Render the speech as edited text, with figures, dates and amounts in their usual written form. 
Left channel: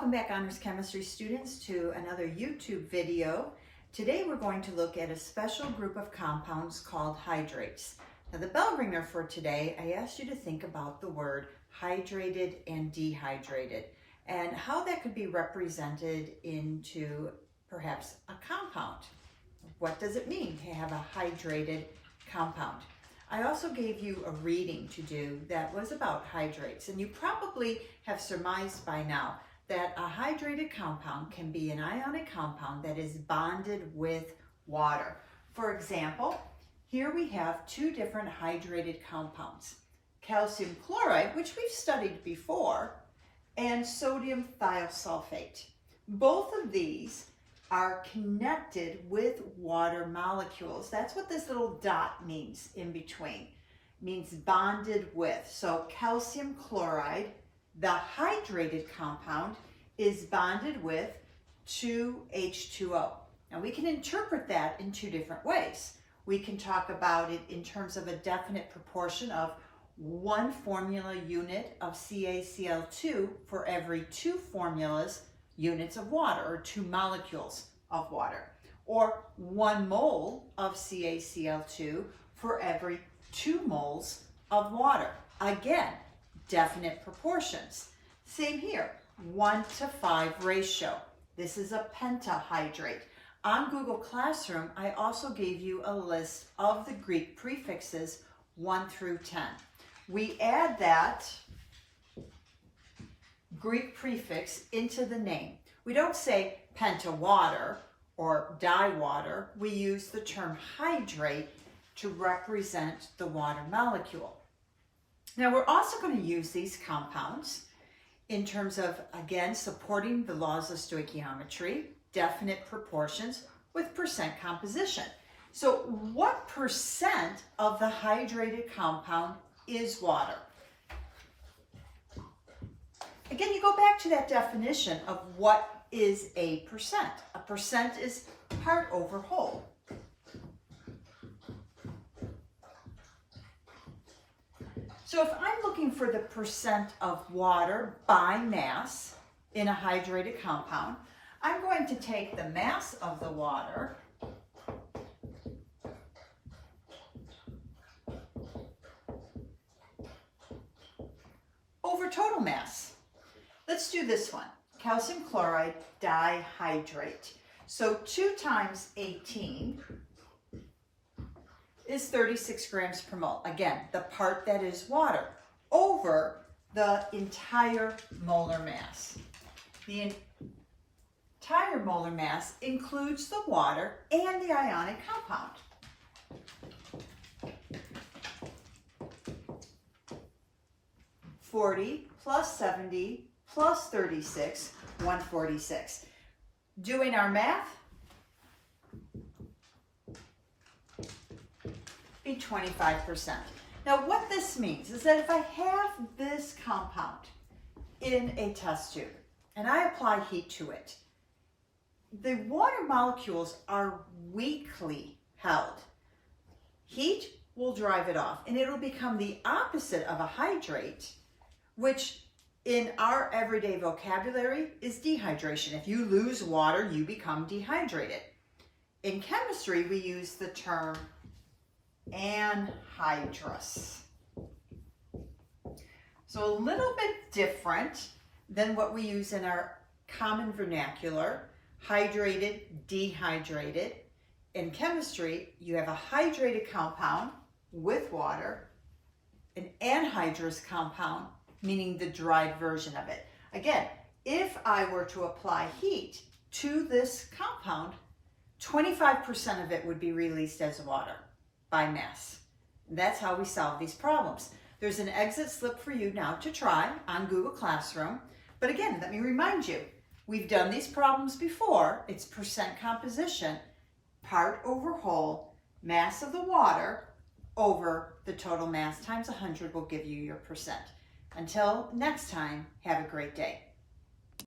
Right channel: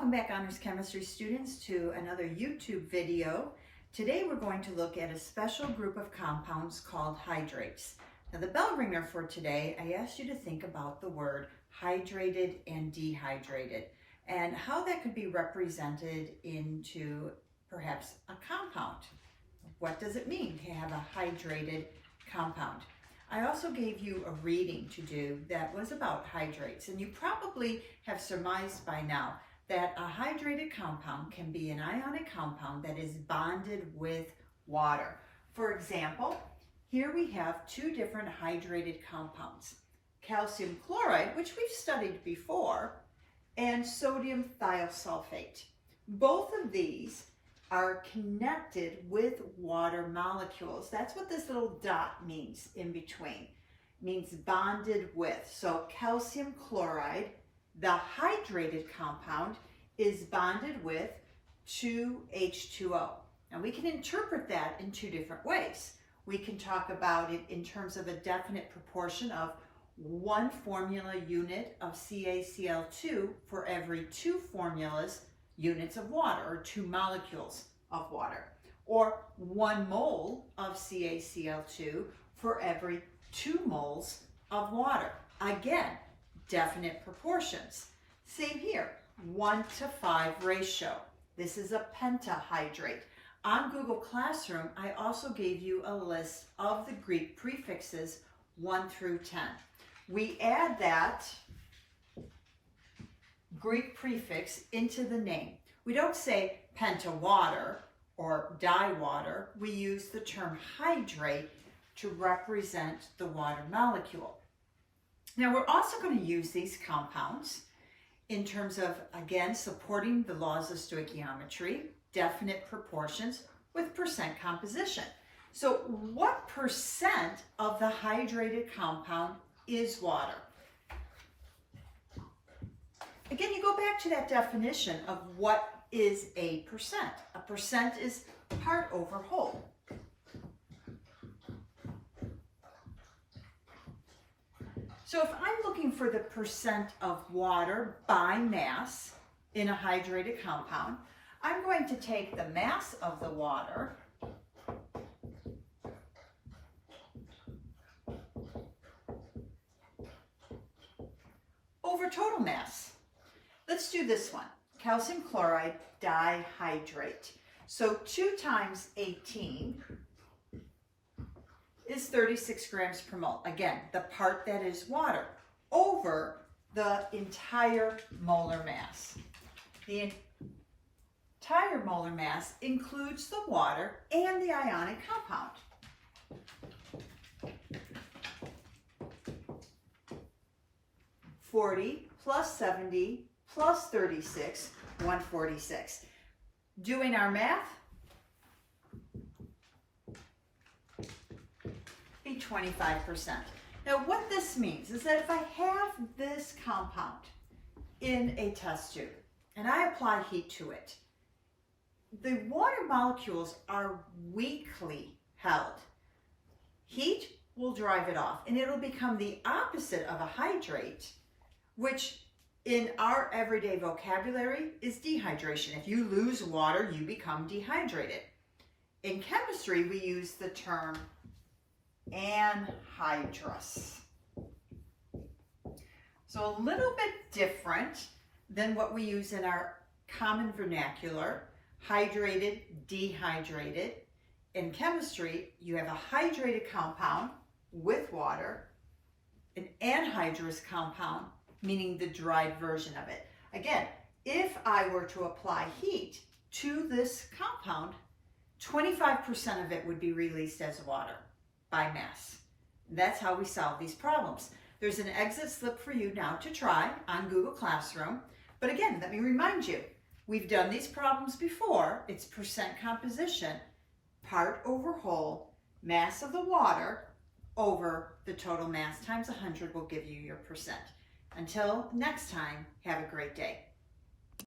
Welcome back, Honors Chemistry students, to another YouTube video. Today we're going to look at a special group of compounds called hydrates. Now the bell ringer for today, I asked you to think about the word hydrated and dehydrated and how that could be represented into perhaps a compound. What does it mean to have a hydrated compound? I also gave you a reading to do that was about hydrates, and you probably have surmised by now that a hydrated compound can be an ionic compound that is bonded with water. For example, here we have two different hydrated compounds, calcium chloride, which we've studied before, and sodium thiosulfate. Both of these are connected with water molecules. That's what this little dot means in between. It means bonded with. So calcium chloride, the hydrated compound, is bonded with 2H2O. Now we can interpret that in two different ways. We can talk about it in terms of a definite proportion of 1 formula unit of CaCl2 for every 2 formulas units of water, or 2 molecules of water, or 1 mole of CaCl2 for every 2 moles of water. Again, definite proportions. Same here, 1:5 ratio. This is a pentahydrate. On Google Classroom, I also gave you a list of the Greek prefixes 1 through 10. We add that Greek prefix into the name. We don't say pentawater or diwater. We use the term hydrate to represent the water molecule. Now we're also going to use these compounds in terms of, again, supporting the laws of stoichiometry, definite proportions with percent composition. So what percent of the hydrated compound is water? Again, you go back to that definition of what is a percent. A percent is part over whole. So if I'm looking for the percent of water by mass in a hydrated compound, I'm going to take the mass of the water over total mass. Let's do this one. Calcium chloride dihydrate. So 2 times 18 is 36 grams per mole. Again, the part that is water over the entire molar mass. The entire molar mass includes the water and the ionic compound. (40 plus 70 plus 36, 146. Doing our math, be 25%. Now what this means is that if I have this compound in a test tube and I apply heat to it, the water molecules are weakly held. Heat will drive it off and it'll become the opposite of a hydrate, which in our everyday vocabulary is dehydration. If you lose water, you become dehydrated. In chemistry, we use the term anhydrous. So a little bit different than what we use in our common vernacular, hydrated, dehydrated. In chemistry, you have a hydrated compound with water, an anhydrous compound, meaning the dried version of it. Again, if I were to apply heat to this compound, 25% of it would be released as water by mass. That's how we solve these problems. There's an exit slip for you now to try on Google Classroom. But again, let me remind you, we've done these problems before. It's percent composition, part over whole, mass of the water over the total mass times 100 will give you your percent. Until next time, have a great day.